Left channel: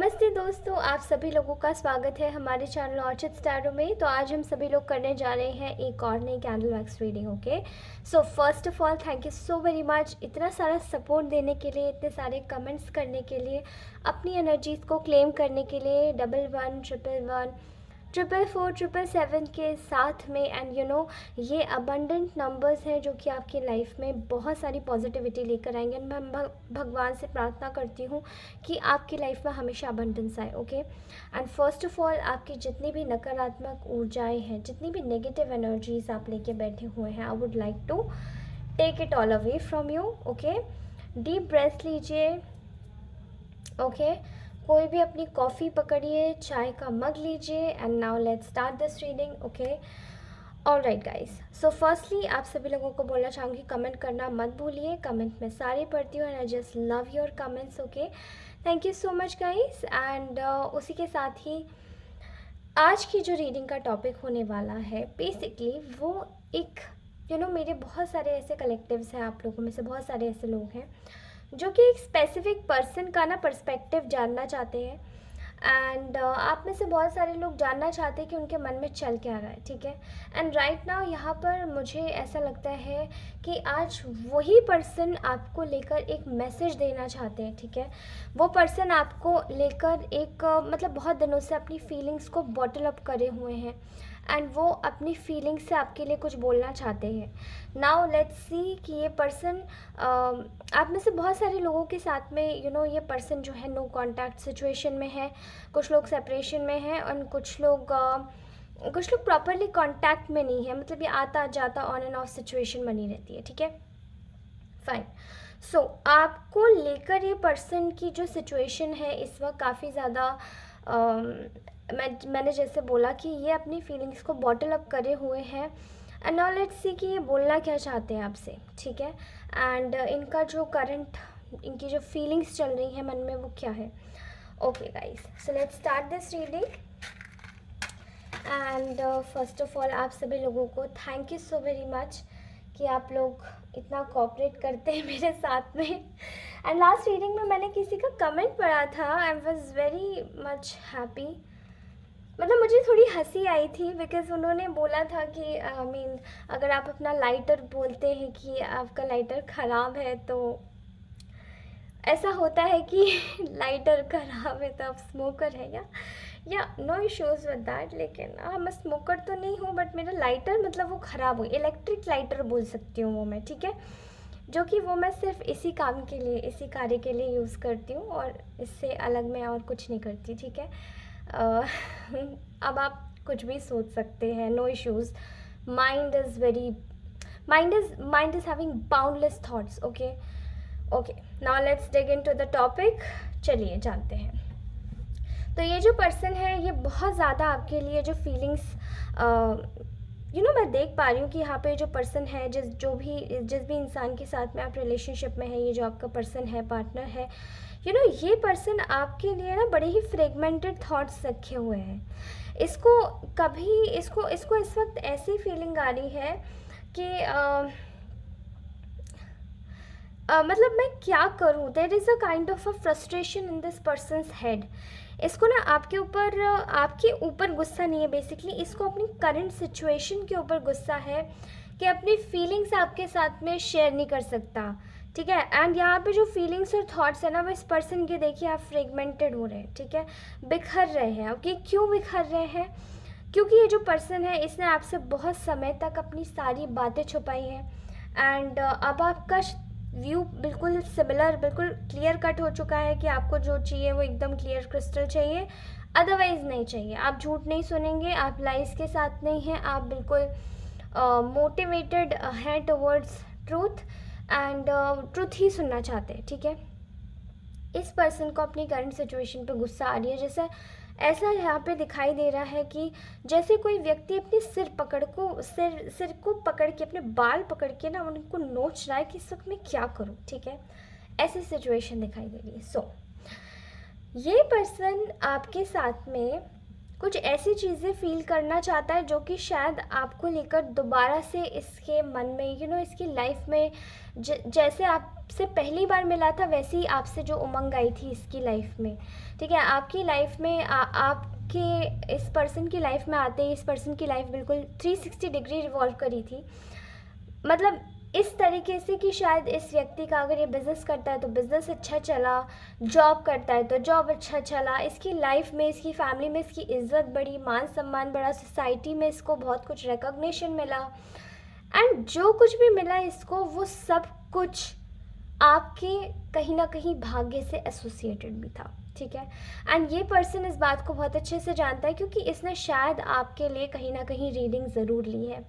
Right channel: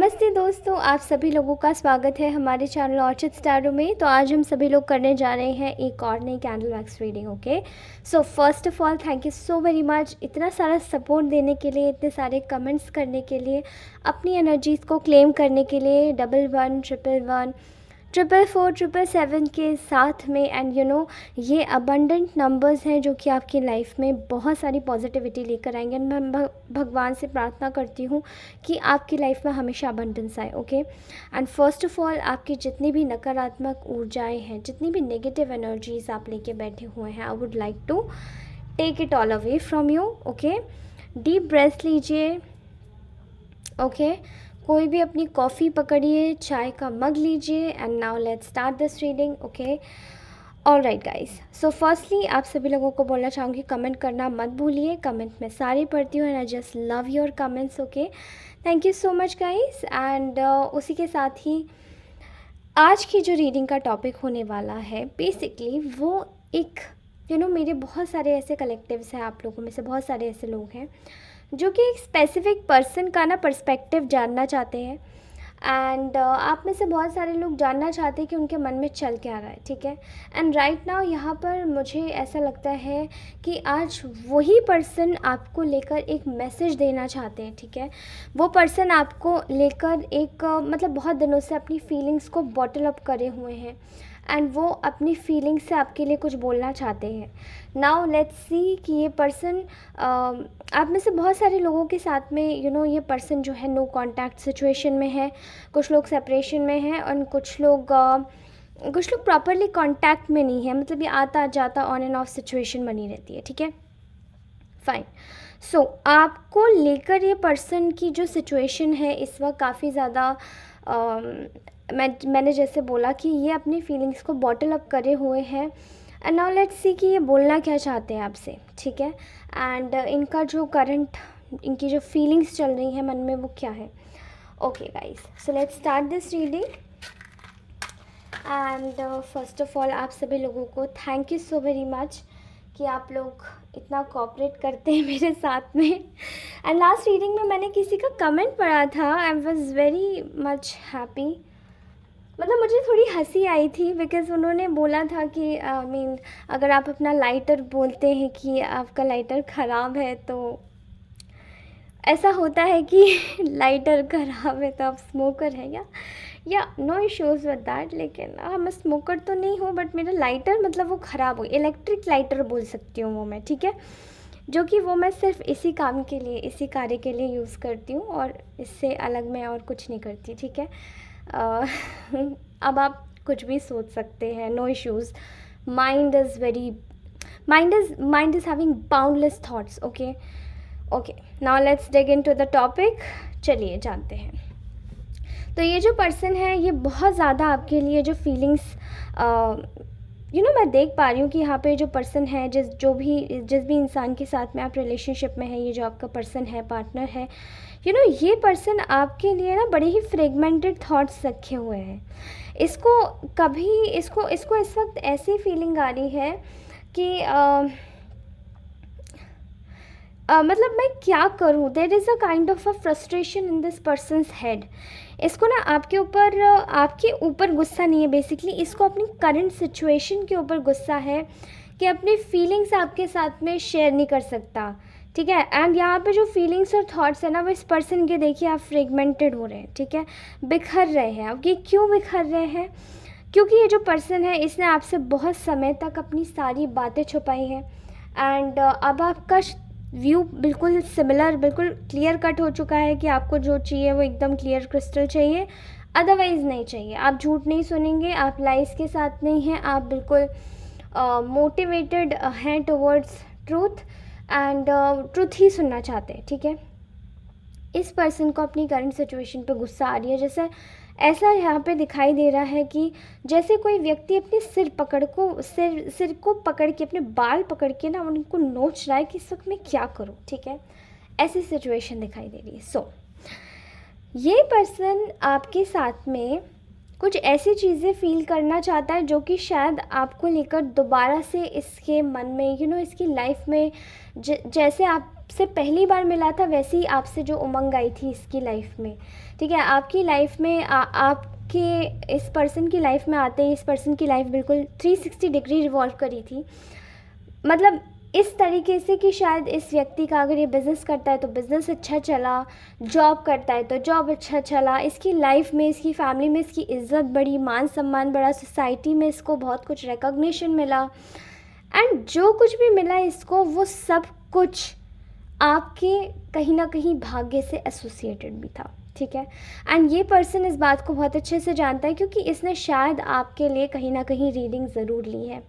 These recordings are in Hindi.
नमस्ते दोस्तों, आप सभी लोगों का स्वागत है हमारे चैनल ऑर्चिड स्टारो में। तो आज हम सभी लोग करने जा रहे हैं एक और नई candle wax reading. Okay, so first of all thank you so very much इतना सारा सपोर्ट देने के लिए, इतने सारे कमेंट्स करने के लिए, अपनी एनर्जीज़ को क्लेम करने के लिए। 1111 444 777 के साथ में एंड ये अबंडेंट नंबर्स हैं जो कि आपकी लाइफ में बहुत सारी पॉजिटिविटी लेकर आएंगे। मैं भगवान से प्रार्थना करती हूँ कि आपकी लाइफ में हमेशा अबंडेंस आए। Okay, and first of all आपकी जितनी भी नकारात्मक ऊर्जाएं हैं, जितनी भी नेगेटिव एनर्जीज आप लेके बैठे हुए हैं, I would like to take it all away from you. Okay, deep breath लीजिए। ओके, कोई भी अपनी कॉफ़ी पकड़िए, चाय का मग लीजिए and now let's start this reading. Okay, all right guys, so firstly आप सभी लोगों को बोलना चाहूँगी कमेंट करना मत भूलिए। कमेंट में सारी पढ़ती हूँ and I just love your comments. Okay, thank you so much guys. And उसी के साथ ही आज की जो रीडिंग का टॉपिक होने वाला है बेसिकली वो एक मेरे बहुत सारे ऐसे कलेक्टिव्स हैं, आप लोगों में से बहुत सारे ऐसे लोग हैं जो कि एक स्पेसिफिक पर्सन का ना पर्सपेक्टिव जानना चाहते हैं। एंड आप में से बहुत सारे लोग जानना चाहते हैं कि उनके मन में चल क्या रहा है। ठीक है, एंड राइट नाउ यहाँ पर मुझे ऐसा लगता है कि आज वही पर्सन आपको लेकर एक मैसेज देना चाहते हैं। ठीक है, वो पर्सन आपको लेकर एक मतलब बहुत दिनों से अपनी फीलिंग्स को बॉटल अप करे हुए हैं एंड वो अपनी फीलिंग्स से आपके लिए कुछ बोलना चाहते हैं। नाउ लेट्स सी कि ये पर्सन आप में से बहुत सारे लोगों के साथ में ये पर्सन जो है नो कांटेक्ट सिचुएशन में है, कुछ लोग सेपरेशन में हैं और कुछ लोग प्रॉपरली कांटेक्ट में नहीं है, मतलब ये आता जाता ऑन एंड ऑफ सिचुएशन बनी रहती है। ठीक है, फाइन। सो आपको लेकर ये पर्सन की जो सिचुएशन है इस वक्त काफ़ी ज़्यादा मैंने जैसे बोला कि ये अपनी फीलिंग्स को बॉटल अप करे हुए हैं एंड नाउ लेट्स सी कि ये बोलना क्या चाहते हैं आपसे। ठीक है, एंड इनका जो करंट इनकी जो फीलिंग्स चल रही हैं मन में वो क्या है। Okay guys, so let's start this reading. And first of all आप सभी लोगों को thank you so very much कि आप लोग इतना कोऑपरेट करते हैं मेरे साथ में। एंड लास्ट रीडिंग में मैंने किसी का कमेंट पढ़ा था, I was very much happy, मतलब मुझे थोड़ी हंसी आई थी बिकॉज़ उन्होंने बोला था कि अगर आप अपना लाइटर बोलते हैं कि आपका लाइटर ख़राब है तो ऐसा होता है कि लाइटर ख़राब है तो आप स्मोकर हैं या नो इश्यूज़ विद दैट। लेकिन मैं स्मोकर तो नहीं हूँ, बट मेरा लाइटर मतलब वो ख़राब हो, इलेक्ट्रिक लाइटर बोल सकती हूँ वो मैं। ठीक है, जो कि वो मैं सिर्फ इसी काम के लिए, इसी कार्य के लिए यूज़ करती हूँ और इससे अलग मैं और कुछ नहीं करती। ठीक है, अब आप कुछ भी सोच सकते हैं, no issues. Mind is having boundless thoughts. Okay okay, now let's dig into the topic. चलिए जानते हैं। तो ये जो पर्सन है ये बहुत ज़्यादा आपके लिए जो फीलिंग्स मैं देख पा रही हूँ कि यहाँ पे जो पर्सन है, जिस भी इंसान के साथ में आप रिलेशनशिप में है, ये जो आपका पर्सन है, पार्टनर है, ये पर्सन आपके लिए ना बड़े ही फ्रेगमेंटेड थॉट्स रखे हुए हैं। इसको इस वक्त ऐसी फीलिंग आ रही है कि मतलब मैं क्या करूँ, there is a kind of a frustration in this person's head. इसको ना आपके ऊपर गुस्सा नहीं है, बेसिकली इसको अपनी करंट सिचुएशन के ऊपर गुस्सा है कि अपनी फीलिंग्स आपके साथ में शेयर नहीं कर सकता। ठीक है, एंड यहाँ पे जो फीलिंग्स और थॉट्स है ना वो इस पर्सन के देखिए आप फ्रेगमेंटेड हो रहे हैं। ठीक है, बिखर रहे हैं। अब ये क्यों बिखर रहे हैं? क्योंकि ये जो पर्सन है इसने आपसे बहुत समय तक अपनी सारी बातें छुपाई हैं एंड अब आपका व्यू बिल्कुल सिमिलर, बिल्कुल क्लियर कट हो चुका है कि आपको जो चाहिए वो एकदम क्लियर क्रिस्टल चाहिए, अदरवाइज़ नहीं चाहिए। आप झूठ नहीं सुनेंगे, आप लाइस के साथ नहीं हैं, आप बिल्कुल मोटिवेटेड हैं टुवर्ड्स ट्रूथ एंड ट्रूथ ही सुनना चाहते हैं। ठीक है, इस पर्सन को अपनी करंट सिचुएशन पे गुस्सा आ रही है। जैसे ऐसा यहाँ पे दिखाई दे रहा है कि जैसे कोई व्यक्ति अपने सिर को पकड़ के, अपने बाल पकड़ के ना उनको नोच रहा है कि इस वक्त मैं क्या करूँ। ठीक है, ऐसी सिचुएशन दिखाई दे रही है। सो ये पर्सन आपके साथ में कुछ ऐसी चीज़ें फील करना चाहता है जो कि शायद आपको लेकर दोबारा से इसके मन में इसकी लाइफ में जैसे आप आपसे पहली बार मिला था वैसे ही आपसे जो उमंग आई थी इसकी लाइफ में, ठीक है। आपकी लाइफ में आपके इस पर्सन की लाइफ में आते ही इस पर्सन की लाइफ बिल्कुल 360 डिग्री रिवॉल्व करी थी। मतलब इस तरीके से कि शायद इस व्यक्ति का अगर ये बिज़नेस करता है तो बिज़नेस अच्छा चला, जॉब करता है तो जॉब अच्छा चला, इसकी लाइफ में, इसकी फैमिली में इसकी इज़्ज़त बढ़ी, मान सम्मान बढ़ा, सोसाइटी में इसको बहुत कुछ रिकॉग्निशन मिला, एंड जो कुछ भी मिला इसको वो सब कुछ आपके कहीं ना कहीं भाग्य से एसोसिएटेड भी था, ठीक है। एंड ये पर्सन इस बात को बहुत अच्छे से जानता है क्योंकि इसने शायद आपके लिए कहीं ना कहीं रीडिंग ज़रूर ली है,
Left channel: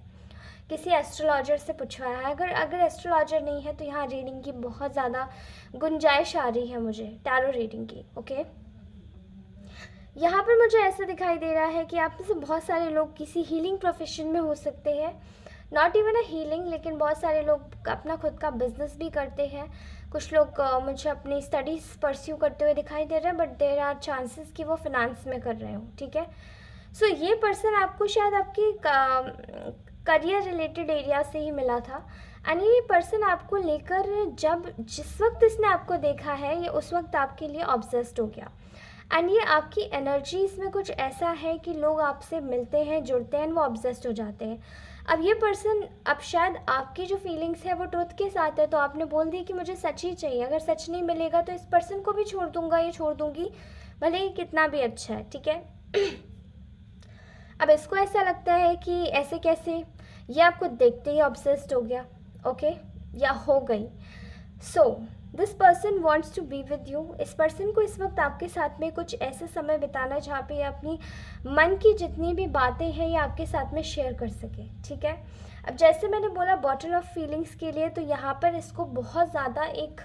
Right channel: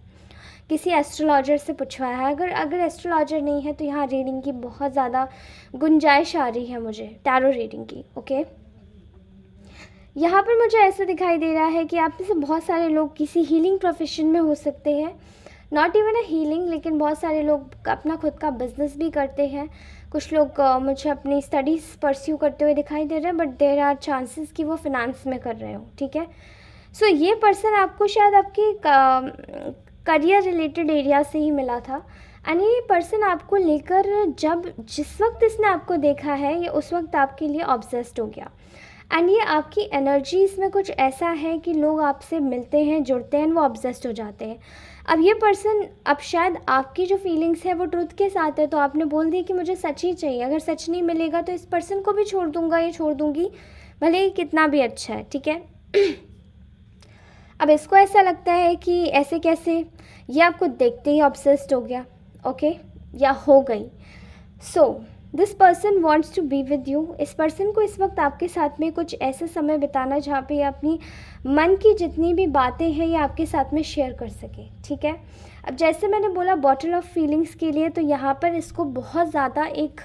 किसी एस्ट्रोलॉजर से पूछवाया है। अगर एस्ट्रोलॉजर नहीं है तो यहाँ रीडिंग की बहुत ज़्यादा गुंजाइश आ रही है मुझे, टैरो रीडिंग की, ओके। यहाँ पर मुझे ऐसा दिखाई दे रहा है कि आप में से बहुत सारे लोग किसी हीलिंग प्रोफेशन में हो सकते हैं, नॉट इवन अ हीलिंग, लेकिन बहुत सारे लोग अपना खुद का बिजनेस भी करते हैं। कुछ लोग मुझे अपनी स्टडीज़ परस्यू करते हुए दिखाई दे रहे हैं, बट देयर आर चांसेस कि वो फिनेंस में कर रहे हो, ठीक है। सो ये पर्सन आपको शायद आपकी करियर रिलेटेड एरिया से ही मिला था, एंड ये पर्सन आपको लेकर जिस वक्त इसने आपको देखा है ये उस वक्त आपके लिए ऑब्सेस्ड हो गया, एंड ये आपकी एनर्जीज में कुछ ऐसा है कि लोग आपसे मिलते हैं, जुड़ते हैं, वो ऑब्सेस्ड हो जाते हैं। अब ये पर्सन, अब शायद आपकी जो फीलिंग्स है वो ट्रुथ के साथ है, तो आपने बोल दिया कि मुझे सच ही चाहिए, अगर सच नहीं मिलेगा तो इस पर्सन को भी छोड़ दूंगा या छोड़ दूंगी, भले ही कितना भी अच्छा है, ठीक है। अब इसको ऐसा लगता है कि ऐसे कैसे, ये आपको देखते ही ऑब्सेस्ड हो गया, ओके, या हो गई। So this person wants to be with you. इस पर्सन को इस वक्त आपके साथ में कुछ ऐसा समय बिताना जहाँ पे अपनी मन की जितनी भी बातें हैं ये आपके साथ में शेयर कर सके, ठीक है। अब जैसे मैंने बोला बॉटल ऑफ फीलिंग्स के लिए, तो यहाँ पर इसको बहुत ज़्यादा एक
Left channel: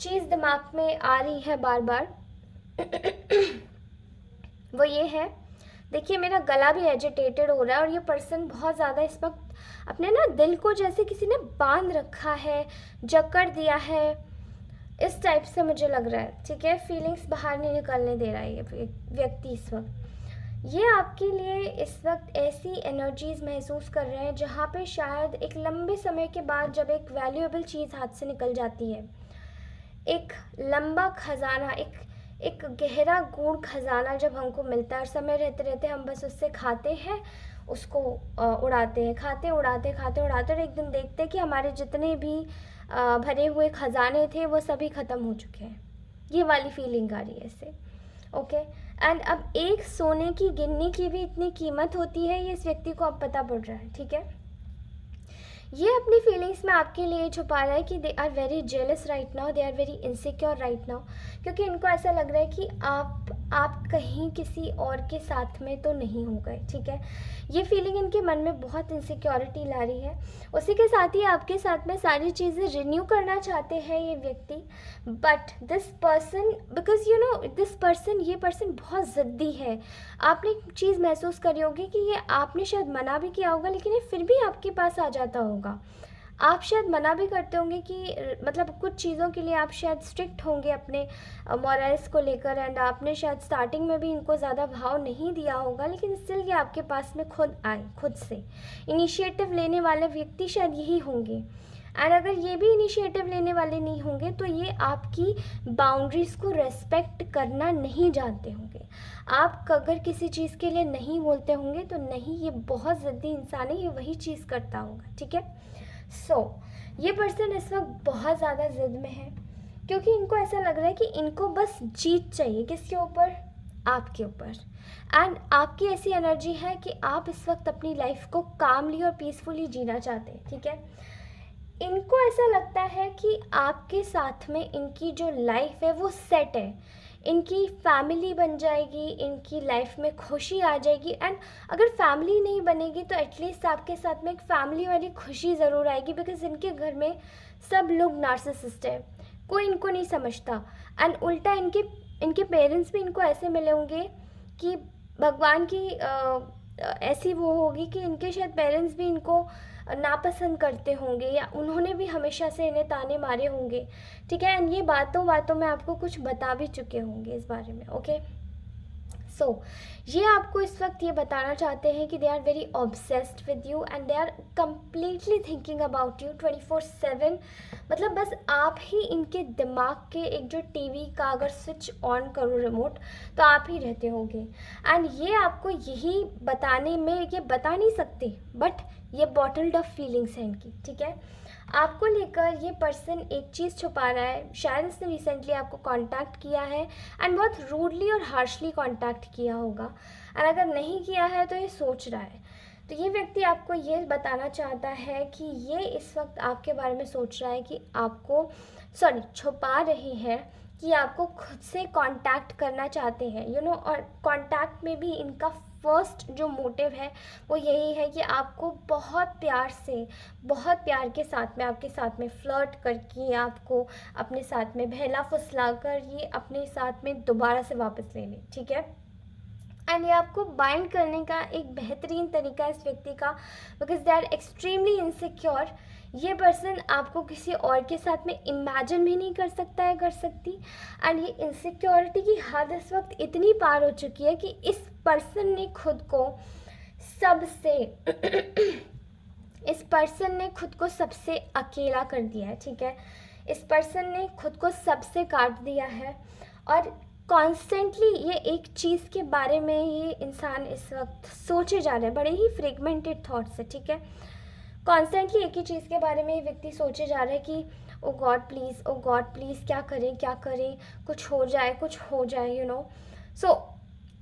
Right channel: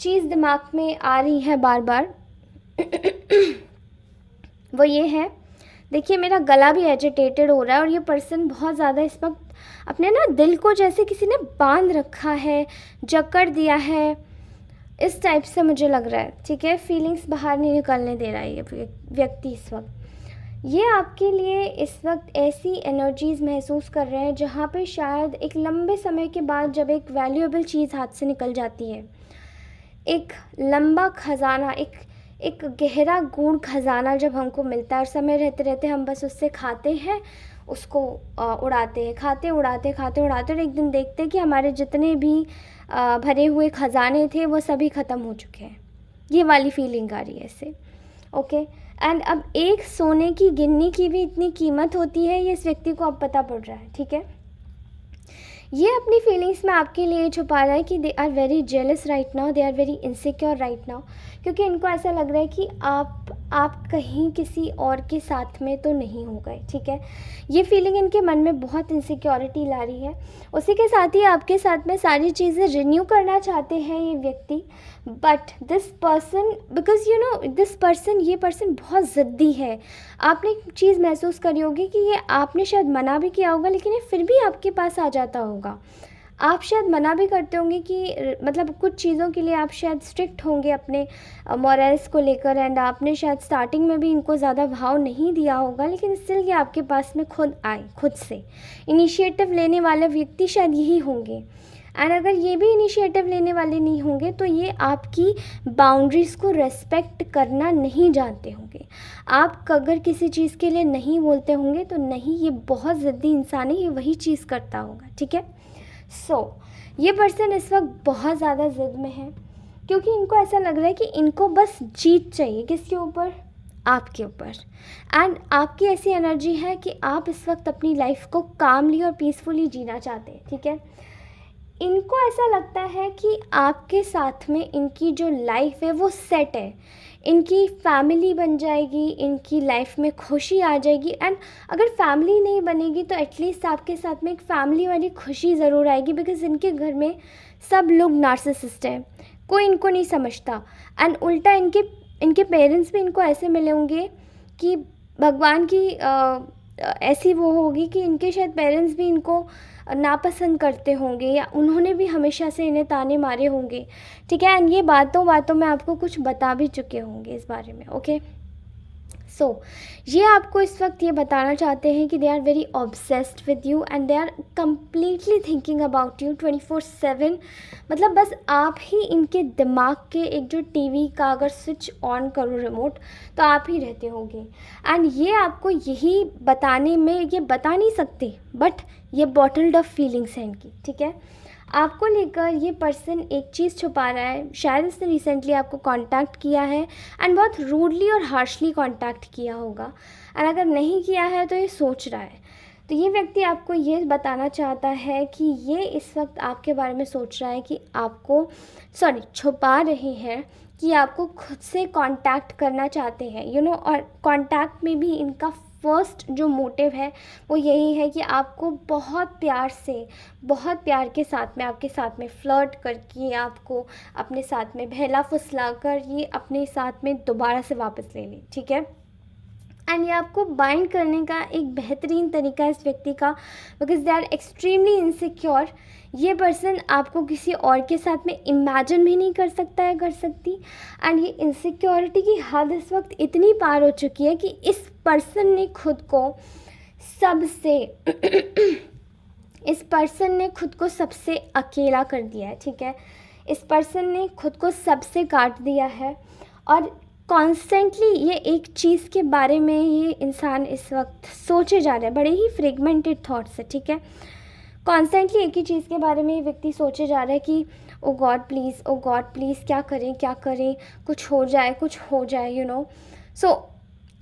चीज़ दिमाग में आ रही है बार बार वो ये है, देखिए मेरा गला भी एजिटेटेड हो रहा है और ये पर्सन बहुत ज़्यादा इस वक्त अपने ना दिल को जैसे किसी ने बांध रखा है, जकड़ दिया है, इस टाइप से मुझे लग रहा है, ठीक है। फीलिंग्स बाहर नहीं निकलने दे रहा है ये व्यक्ति इस वक्त। ये आपके लिए इस वक्त ऐसी एनर्जीज़ महसूस कर रहे हैं जहाँ पे शायद एक लंबे समय के बाद जब एक वैल्यूएबल चीज़ हाथ से निकल जाती है, एक लंबा खजाना, एक गहरा गूढ़ खजाना जब हमको मिलता है और समय रहते रहते हम बस उससे खाते हैं, उसको उड़ाते हैं, खाते उड़ाते खाते उड़ाते, और एक दिन देखते हैं कि हमारे जितने भी भरे हुए खजाने थे वो सभी ख़त्म हो चुके हैं। ये वाली फीलिंग आ रही है इससे, ओके। एंड अब एक सोने की गिन्नी की भी इतनी कीमत होती है, ये इस व्यक्ति को अब पता पड़ रहा है, ठीक है। ये अपनी फीलिंग्स में आपके लिए छुपा रहा है कि they are very jealous right now, they are very insecure right now, क्योंकि इनको ऐसा लग रहा है कि आप कहीं किसी और के साथ में तो नहीं हो गए, ठीक है। ये फीलिंग इनके मन में बहुत इनसिक्योरिटी ला रही है। उसी के साथ ही आपके साथ में सारी चीज़ें रिन्यू करना चाहते हैं ये व्यक्ति, but this person, because you know this person, ये पर्सन बहुत ज़िद्दी है। आपने एक चीज़ महसूस करी होगी कि ये आपने शायद मना भी किया होगा लेकिन ये फिर भी आपके पास आ जाता होगा। आप शायद मना भी करते होंगे कि मतलब कुछ चीज़ों के लिए आप शायद स्ट्रिक्ट होंगे अपने मॉरल्स को लेकर, एंड आपने शायद स्टार्टिंग में भी इनको ज़्यादा भाव नहीं दिया होगा, लेकिन स्टिल ये आपके पास में खुद आए, खुद से इनिशिएटिव लेने वाले व्यक्ति शायद यही होंगे। एंड अगर ये भी इनिशिएटिव लेने वाले नहीं होंगे तो ये आपकी बाउंड्रीज़ को रेस्पेक्ट करना नहीं जानते होंगे। आप अगर किसी चीज़ के लिए नहीं बोलते होंगे तो नहीं, ये बहुत ज़िद्दी इंसान है, ये वही चीज़ करता होगा, ठीक है। सो ये पर्सन इस वक्त बहुत ज़्यादा ज़िद में है क्योंकि इनको ऐसा लग रहा है कि इनको बस जीत चाहिए, किसके ऊपर, आपके ऊपर। एंड आपकी ऐसी एनर्जी है कि आप इस वक्त अपनी लाइफ को कामली और पीसफुली जीना चाहते हैं, ठीक है। इनको ऐसा लगता है कि आपके साथ में इनकी जो लाइफ है वो सेट है, इनकी फैमिली बन जाएगी, इनकी लाइफ में खुशी आ जाएगी, एंड अगर फैमिली नहीं बनेगी तो एटलीस्ट आपके साथ में एक फैमिली वाली खुशी ज़रूर आएगी, बिकॉज इनके घर में सब लोग नार्सिसिस्ट हैं, कोई इनको नहीं समझता। एंड उल्टा इनके पेरेंट्स भी इनको ऐसे मिले होंगे कि भगवान की ऐसी वो होगी कि इनके शायद पेरेंट्स भी इनको नापसंद करते होंगे या उन्होंने भी हमेशा से इन्हें ताने मारे होंगे, ठीक है। एंड ये बातों बातों में आपको कुछ बता भी चुके होंगे इस बारे में, ओके। सो ये आपको इस वक्त ये बताना चाहते हैं कि they are very obsessed with you and they are completely thinking about you 24/7। मतलब बस आप ही इनके दिमाग के एक जो टीवी का अगर स्विच ऑन करो रिमोट तो आप ही रहते होंगे। एंड ये आपको यही बताने में ये बता नहीं सकते, बट ये बॉटल्ड अप फीलिंग्स हैं इनकी, ठीक है। आपको लेकर ये पर्सन एक चीज़ छुपा रहा है। शायद इसने रिसेंटली आपको कांटेक्ट किया है एंड बहुत रूडली और हार्शली कांटेक्ट किया होगा, एंड अगर नहीं किया है तो ये सोच रहा है। तो ये व्यक्ति आपको ये बताना चाहता है कि ये इस वक्त आपके बारे में सोच रहा है कि आपको छुपा रहे हैं कि आपको खुद से कांटेक्ट करना चाहते हैं, यू नो। और कांटेक्ट में भी इनका फर्स्ट जो मोटिव है वो यही है कि आपको बहुत प्यार से, बहुत प्यार के साथ में आपके साथ में फ्लर्ट करके आपको अपने साथ में बहला फुसला कर ये अपने साथ में दोबारा से वापस ले लें, ठीक है। एंड ये आपको बाइंड करने का एक बेहतरीन तरीका है इस व्यक्ति का, because they are extremely insecure. ये पर्सन आपको किसी और के साथ में इमेजिन भी नहीं कर सकता है, कर सकती। एंड ये इनसिक्योरिटी की हद इस वक्त इतनी पार हो चुकी है कि इस पर्सन ने खुद को सबसे इस पर्सन ने खुद को सबसे अकेला कर दिया है, ठीक है। इस पर्सन ने खुद को सबसे काट दिया है और कॉन्स्टेंटली ये एक चीज़ के बारे में ये इंसान इस वक्त सोचे जा रहा है, बड़े ही फ्रेगमेंटेड थॉट्स है, ठीक है। कॉन्स्टेंटली एक ही चीज़ के बारे में ये व्यक्ति सोचे जा रहा है कि oh God please, oh God please, क्या करें क्या करें, कुछ हो जाए कुछ हो जाए, यू नो। सो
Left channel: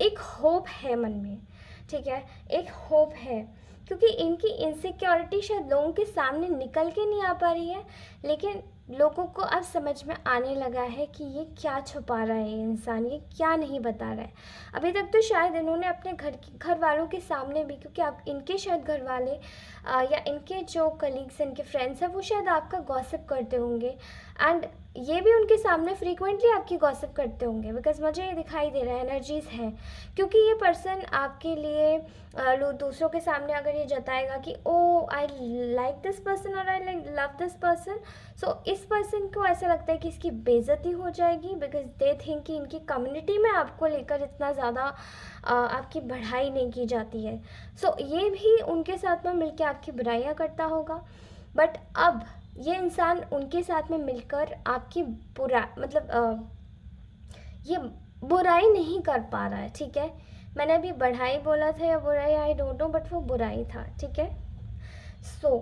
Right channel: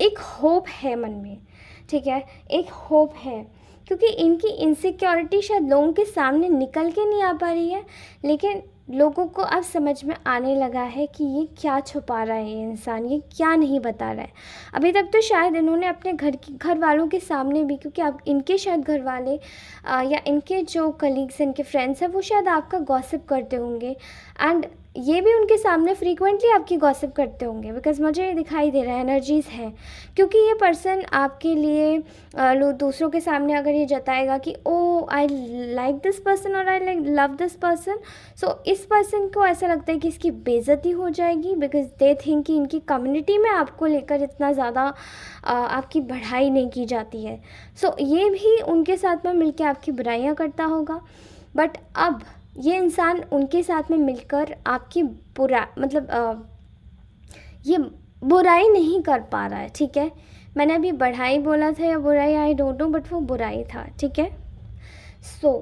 एक होप है मन में, ठीक है, एक होप है, क्योंकि इनकी इनसिक्योरिटी शायद लोगों के सामने निकल के नहीं आ पा रही है, लेकिन लोगों को अब समझ में आने लगा है कि ये क्या छुपा रहा है, ये इंसान ये क्या नहीं बता रहा है। अभी तक तो शायद इन्होंने अपने घर वालों के सामने भी, क्योंकि अब इनके शायद घर वाले या इनके जो कलीग्स इनके फ्रेंड्स हैं वो शायद आपका गॉसिप करते होंगे, एंड ये भी उनके सामने फ्रीक्वेंटली आपकी गॉसिप करते होंगे, बिकॉज मुझे ये दिखाई दे रहा है एनर्जीज़ है। क्योंकि ये पर्सन आपके लिए लोग दूसरों के सामने अगर ये जताएगा कि oh I like this person और I like love this person, so इस पर्सन को ऐसा लगता है कि इसकी बेइज्जती हो जाएगी, बिकॉज दे थिंक कि इनकी कम्युनिटी में आपको लेकर इतना ज़्यादा आपकी बढ़ाई नहीं की जाती है। सो ये भी उनके साथ में मिलकर आपकी बुराइयाँ करता होगा, बट अब ये इंसान उनके साथ में मिलकर आपकी ये बुराई नहीं कर पा रहा है, ठीक है। मैंने अभी बढ़ाई बोला था या बुराई, आई डोंट नो, बट वो बुराई था, ठीक है। सो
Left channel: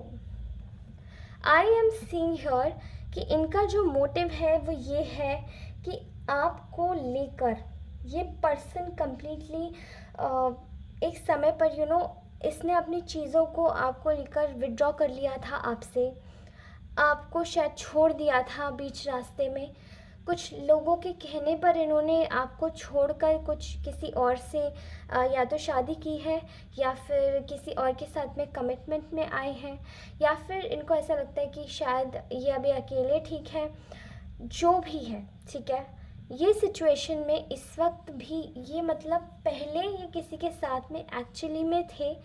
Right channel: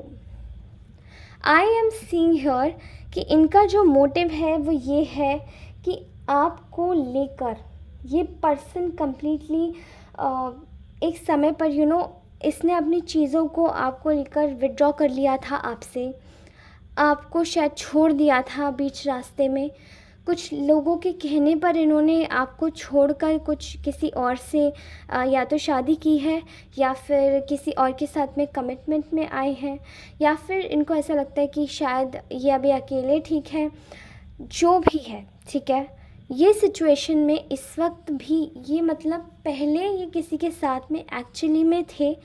आई एम सीइंग हियर कि इनका जो मोटिव है वो ये है कि आपको लेकर ये पर्सन कम्प्लीटली एक समय पर इसने अपनी चीज़ों को आपको लेकर विड्रॉ कर लिया था आपसे, आपको शायद छोड़ दिया था बीच रास्ते में। कुछ लोगों के कहने पर इन्होंने आपको छोड़कर कुछ किसी और से या तो शादी की है या फिर किसी और के साथ में कमिटमेंट में आए हैं, या फिर इनको ऐसा लगता है कि शायद ये अभी अकेले ठीक है। जो भी है, ठीक है, ये सिचुएशन में इस वक्त भी ये पहले ये किसी के साथ में एक्चुअली में थे,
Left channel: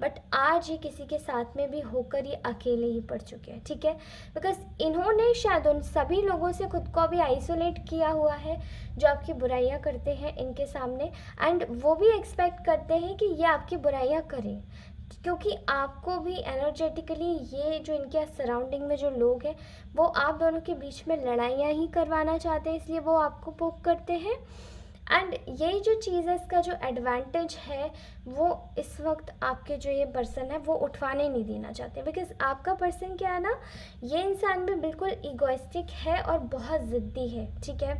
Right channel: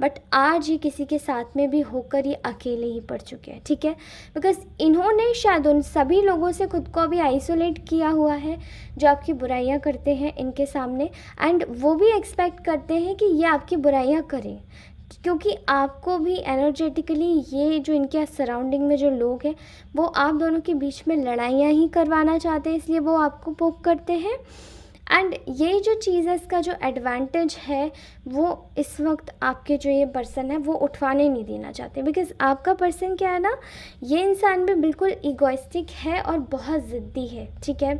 बट आज ये किसी के साथ में भी होकर ये अकेले ही पड़ चुके हैं, ठीक है। बिकॉज इन्होंने शायद उन सभी लोगों से खुद को अभी आइसोलेट किया हुआ है जो आपकी बुराइयां करते हैं इनके सामने, एंड वो भी एक्सपेक्ट करते हैं कि ये आपकी बुराइयां करें, क्योंकि आपको भी एनर्जेटिकली ये जो इनके सराउंडिंग में जो लोग हैं वो आप दोनों के बीच में लड़ाइयाँ ही करवाना चाहते हैं, इसलिए वो आपको पोक करते हैं। एंड ये जो चीज़ है, इसका जो एडवांटेज है वो इस वक्त आपके जो ये पर्सन है वो उठवाने नहीं देना चाहते, बिकॉज आपका पर्सन क्या है ना, ये इंसान भी बिल्कुल इगोइस्टिक है और बहुत ज़िद्दी है, ठीक है।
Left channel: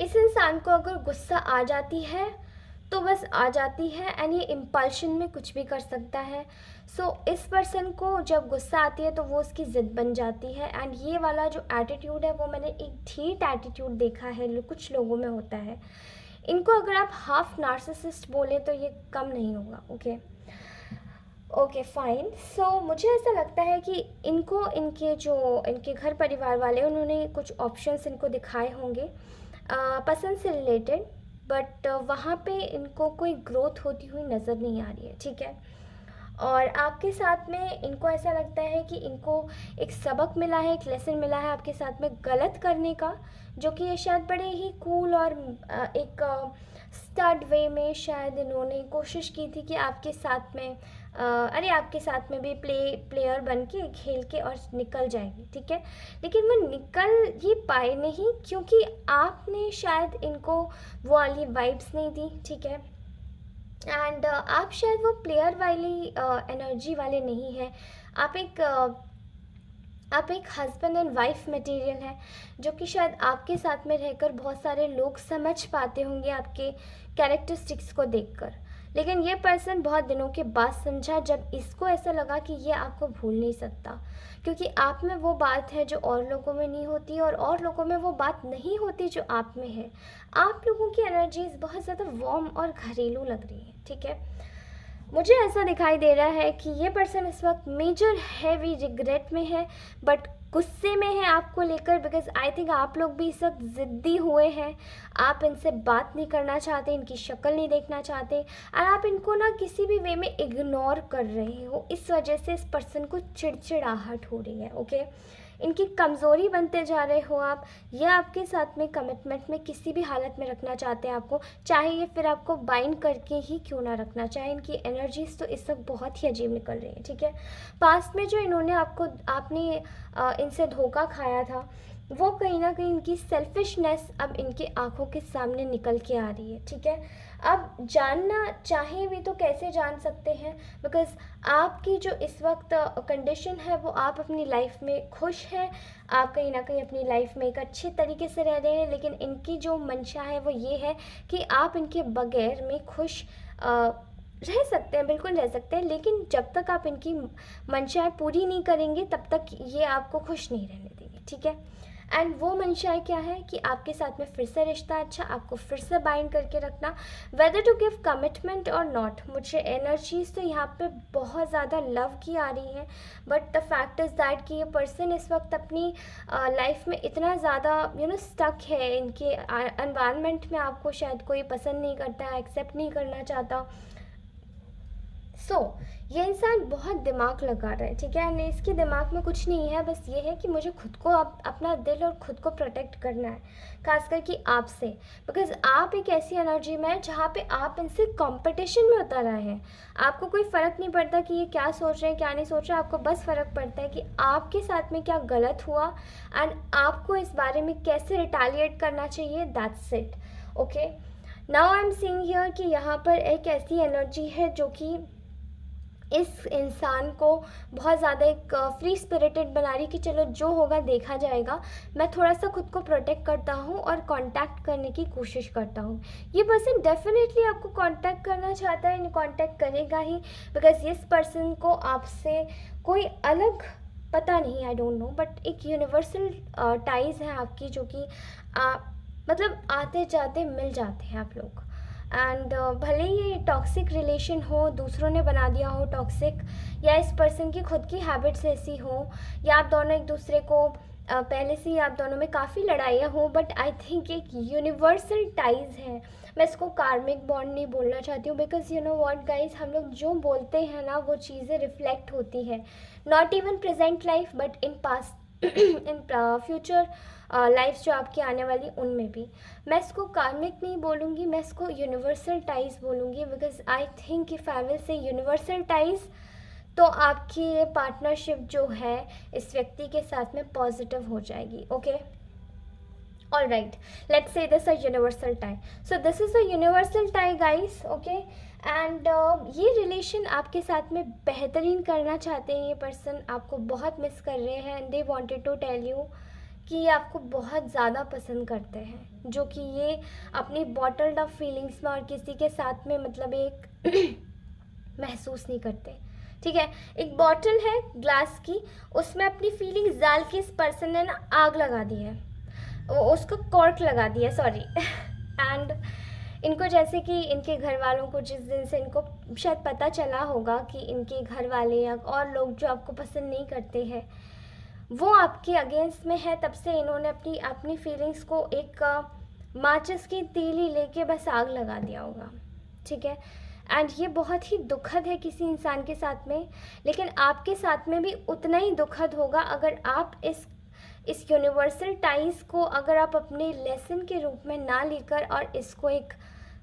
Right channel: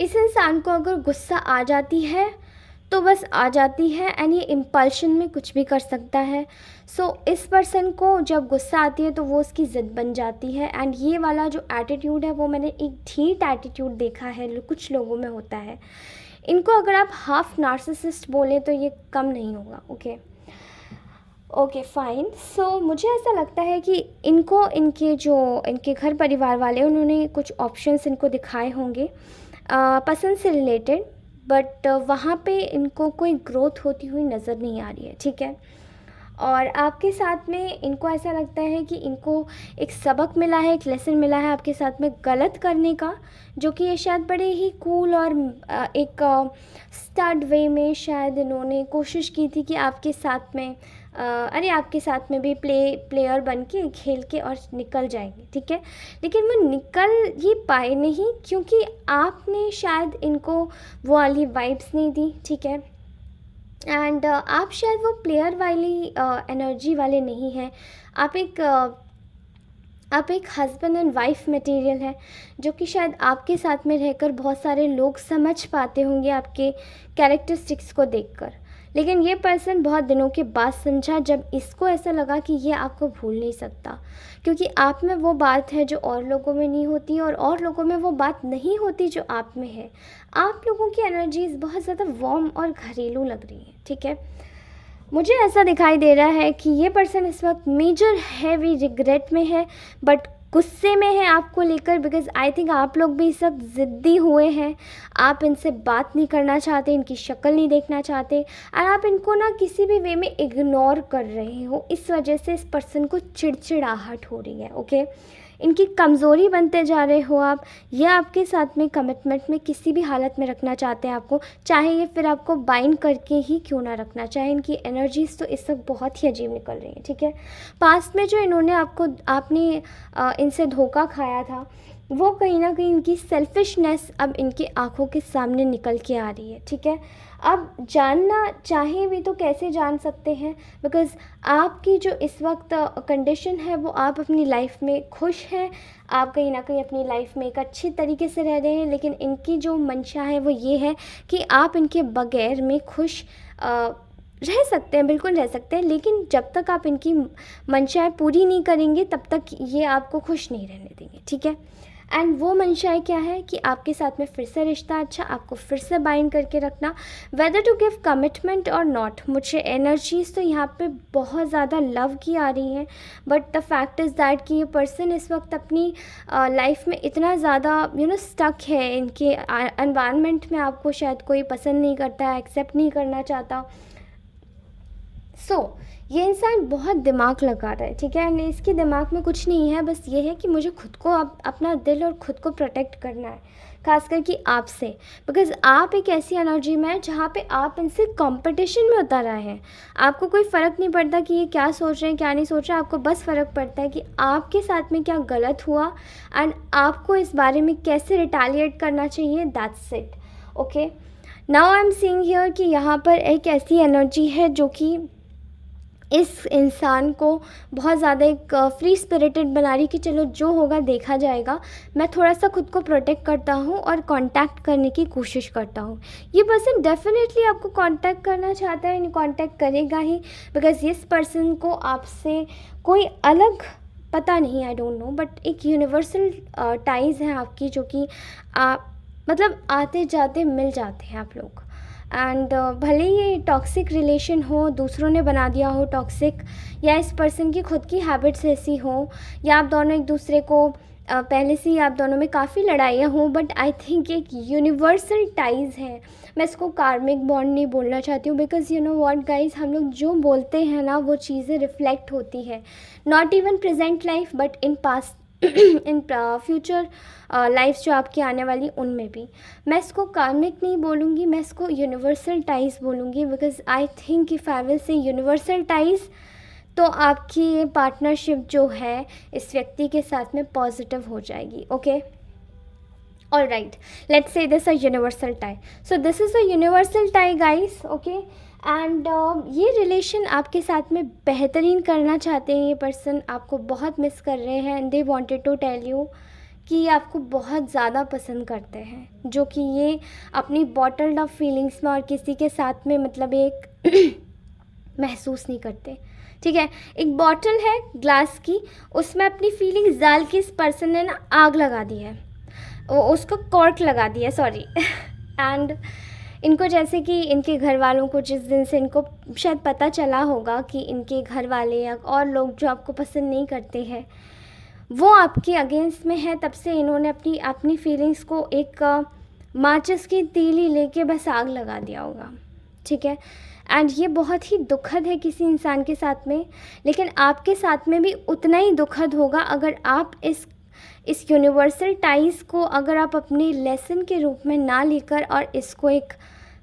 इस इंसान को अगर गुस्सा आ जाती है तो बस आ जाती है, एंड ये इम्पल्शन में कुछ भी कर सकता है। सो इस पर्सन को जब गुस्सा आती है तो वो उसकी ज़िद बन जाती है, एंड ये वाला जो एटीट्यूड है वो मैंने एक ठीक एटीट्यूड देखा है कुछ लोगों में होता है। इनको अगर आप हाफ नार्सिसिस्ट बोले तो ये कम नहीं होगा, ओके फाइन। सो मुझे ऐसा लगता है कि इनको इनके घर परिवार वाले उन्होंने कुछ ऑप्शंस इनको दिखाए होंगे पसंद से रिलेटेड, बट वहाँ पे इनको कोई ग्रोथ होती हुई नज़र नहीं आ रही है, ठीक है। और आपके साथ में इनको ऐसा लगता है कि इनको एक सबक मिला है, एक लेसन मिला है आपके साथ में गलत करने का, जो कि ये शायद बड़े ही कूल और एक स्टार्ट वे में शायद इन्होंने कोशिश की थी कि आपके साथ में आपके साथ में भी प्लेयर बन के खेल के और निकल जाएंगे, ठीक है। लेकिन वो निकल ही पाए नहीं, क्योंकि आपने शायद इनको वो वाली वाइब्स नहीं दी, ठीक है। एंड आप शायद वो प्लेयर वाली एनर्जी वाले नहीं हैं। आप एक हस्बैंड एंड वाइफ मटेरियल है, जो कि शायद आपके साथ में रहकर बहुत सारे लोग समझ पाते होंगे आपके कैरेक्टरिस्टिक्स को देखकर। लेकिन ये पर्सन बहुत दिनों के बाद समझा, जब इसको ऐसा लगा कि ये आपको भूल नहीं सकता, क्योंकि आप में वो बात है जो और लोगों में नहीं होती, और लोगों में वो बात नहीं होती जो आप में है। आप लोगों की एनर्जीज बहुत ज़्यादा वार्म और घरेलू लग रही है, ठीक है। मुझे ऐसा दिखाई दे रहा है कि ये पर्सन इस वक्त मेजर हैवी रिग्रेट में है, बट गुस्से में है आपको लेकर, बिकॉज आई थिंक आप लोग भी सब ज़िद्दी हुए हैं। आप इनसे बात नहीं करना चाहते, इनकी शक्ल नहीं देखना चाहते, और आप इनको ना किसी भी वे में इग्नोर कर रहे हो। इस वजह से इस पर्सन को चिड़चिड़ाहट हो रही है, ओके। इनकी कमज़ोरी बनते जा रहे हो आप। ये आपके साथ में कमिटमेंट में किसी भी हालत में रखना चाहते हैं आपको, चाहे ये फिर आपको बाइंड करके ही क्यों ना रखना चाहे। इनकी एनर्जीज तो इस वक्त बहुत ही अजीब निकल रही हैं, ठीक है। पास्ट में जो इन्होंने आपने इनसे धोखा खाया था, वो कहीं ना कहीं इनकी सेल्फिशनेस अब इनकी आंखों के सामने निकल के आ रही है, ठीक है। अब जानना चाहे भी तो कैसे जान सकते हैं, बिकॉज़ आपकी जो इस वक्त कंडीशन है वो आप अपनी लाइफ में खुश हैं। आप कहीं ना कहीं अपनी लाइफ में एक अच्छी तरीके से रह रहे हैं, लेकिन इनकी जो मंशा है वो ये है कि आप इनके बगैर में खुश रह सकते हैं, बिल्कुल रह सकते हैं। लेकिन जब तक आप इनकी मंशाएं पूरी नहीं करेंगे, तब तक ये आपको खुश नहीं रहने देंगे, ठीक है। एंड वो मंशाएं क्या है कि आपके साथ में फिर से रिश्ता अच्छा, आपको फिर से बाइंड करके रखना, वेदर टू गिव कमिटमेंट और नॉट। मुझे एनर्जीज तो यहाँ पे बहुत ज़्यादा लव की आ रही हैं, but the fact is that कि ये पर्सन इस वक्त अपनी लाइफ में इतना ज़्यादा स्टक है, इनके एनवायरनमेंट में आपको शायद कोई पसंद नहीं करता है, एक्सेप्ट नहीं करना चाहता। ये इंसान बहुत दिमाग लगा रहा है, ठीक है। एंड इसके दिमाग में कुछ नहीं है, बस ये है कि मुझे खुद को अपना दिल और खुद को प्रोटेक्ट करना है, खास करके आपसे, बिकॉज आप एक ऐसी एनर्जी में है जहाँ पे आप इनसे कंपटीशन में उतर आए हैं। आपको कोई फ़र्क नहीं पड़ता कि ये क्या सोच रहे हैं क्या नहीं सोच रहे हैं, आपको बस फ़र्क पड़ता है कि आपके साथ में क्या गलत हुआ एंड आपको इस बारे में कैसे रिटेलिएट करना चाहिए। That's it, okay. Now I am seeing here कि यहाँ पर एक ऐसी एनर्जी है जो कि इस इंसान को बहुत ज़्यादा एक फ्री स्पिरिटेड बना रही कि चलो जो होगा देखा जाएगा। मैं थोड़ा सा खुद को प्रोटेक्ट करता हूँ और कांटेक्ट करने की कोशिश करता हूँ। ये पर्सन डेफिनेटली आपको कांटेक्ट करना चाहता है, कांटेक्ट करेगा ही, बिकॉज इस पर्सन को आपसे कोई अलग पता नहीं, आई डोंट नो, बट एक यूनिवर्सल टाइज़ है आपकी, जो कि आप मतलब आते जाते मिल जाते हैं आप लोग। एंड भले ये टॉक्सिक रिलेशन हो, दूसरों ने बना दिया हो टॉक्सिक, या इस पर्सन की खुद की हैबिट्स ऐसी हो, या आप दोनों एक दूसरे को पहले से ही आप दोनों में काफ़ी लड़ाइयाँ हों, बट आई थिंक एक यूनिवर्सल टाइज़ है। मैं इसको कार्मिक बॉन्ड नहीं बोलना चाहती हूँ, because you know what guys, हम लोग जो बोलते हैं ना वो चीज़ें रिफ्लेक्ट होती है, not even present life but in past in future life जो आपकी आने वाली उनमें भी। मैं इसको कार्मिक नहीं बोलूँगी, मैं इसको यूनिवर्सल टाइज बोलूँगी, because I think if I will say universal ties, तो आपकी ये पार्टनरशिप जो है इस व्यक्ति के साथ में पॉजिटिव हो जाएगी, okay. All right, let's say this a universal tie. So this is a universal tie guys, okay. And ये रिलेशन आपके साथ में बेहतरीन करना चाहते हैं। ये पर्सन आपको बहुत मिस कर रहे हैं and they wanted to tell you कि ये आपको बहुत ज़्यादा पसंद करते हैं, जो कि ये अपनी बॉटल्ड अप फीलिंग्स में और किसी के साथ में मतलब एक महसूस नहीं करते, ठीक है। एक बॉटल है ग्लास की, उसमें अपनी फीलिंग्स डाल के इस पर्सन ने ना आग लगा दी है, उसको कॉर्क लगा दिया, सॉरी। एंड इनको जैसे कि इनके घर वालों को जिस दिन से इनको शायद पता चला होगा कि इनके घर वाले या और लोग जो आपको पसंद नहीं करते हैं वो आपके अगेंस्ट में है, तब से इन्होंने अपनी फीलिंग्स को एक माचिस की तीली लेके बस आग लगा दिया होगा, ठीक है। एंड ये बहुत ही दुखद है किसी इंसान के साथ में, लेकिन आपके साथ में भी उतना ही दुखद होगा अगर आप इस यूनिवर्सल टाइज़ को अगर आप अपने लेसन के रूप में ना लेकर और इसको एक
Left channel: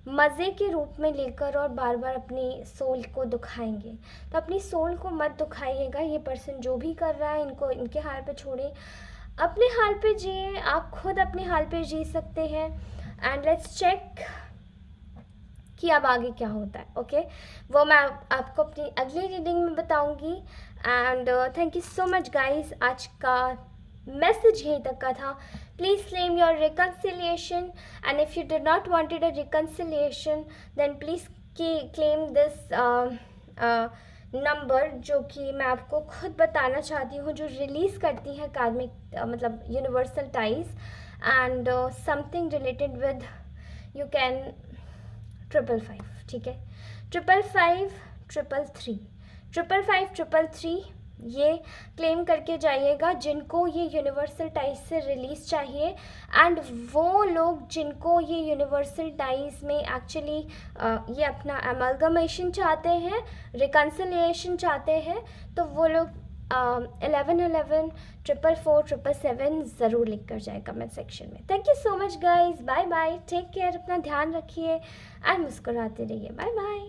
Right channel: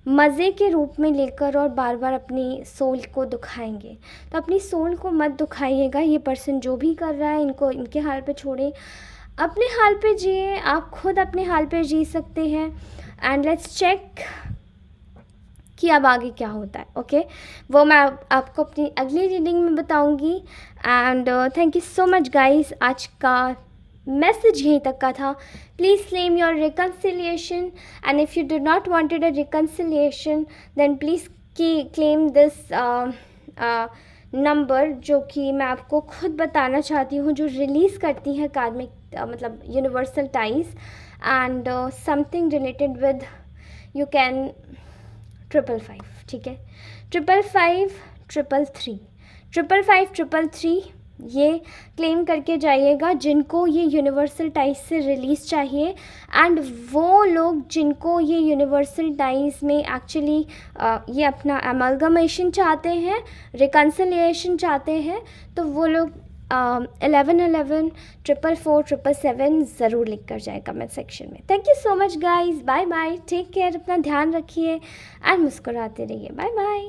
मज़े के रूप में लेकर और बार बार अपनी सोल को दुखाएंगे। तो अपनी सोल को मत दुखाइएगा। ये पर्सन जो भी कर रहा है इनको इनके हाल पे छोड़ें, अपने हाल पे जिए। आप खुद अपने हाल पे जी सकते हैं। एंड लेट्स चेक कि अब आगे क्या होता है। ओके, वो मैं आपको अपनी अगली रीडिंग में बताऊंगी। And thank you so much guys. आज का मैसेज यहीं तक का था। Please claim your reconciliation, and if you do not wanted a reconciliation then please claim this number, जो कि मैं आपको खुद बताना चाहती हूँ, जो रिलीज़ करती है कार्मिक मतलब universal ties and something related with you can 555, ठीक है, 555 333 555 333 ये क्लेम करके जाइएगा जिनको ये यूनिवर्सल टाइज से रिलीज़ चाहिए। एंड वो लोग जिनको ये यूनिवर्सल टाइज में एक्चुअली ये अपना अमलगमेशन चाहते हैं, रिकन्सिलिएशन चाहते हैं, तो वो लोग 1111 444 777 ज़रूर लिख कर जाए कमेंट सेक्शन में। Thank you so much guys, bye bye, take care, अपना ध्यान रखिए एंड मुस्कुराते रहिए। Bye bye.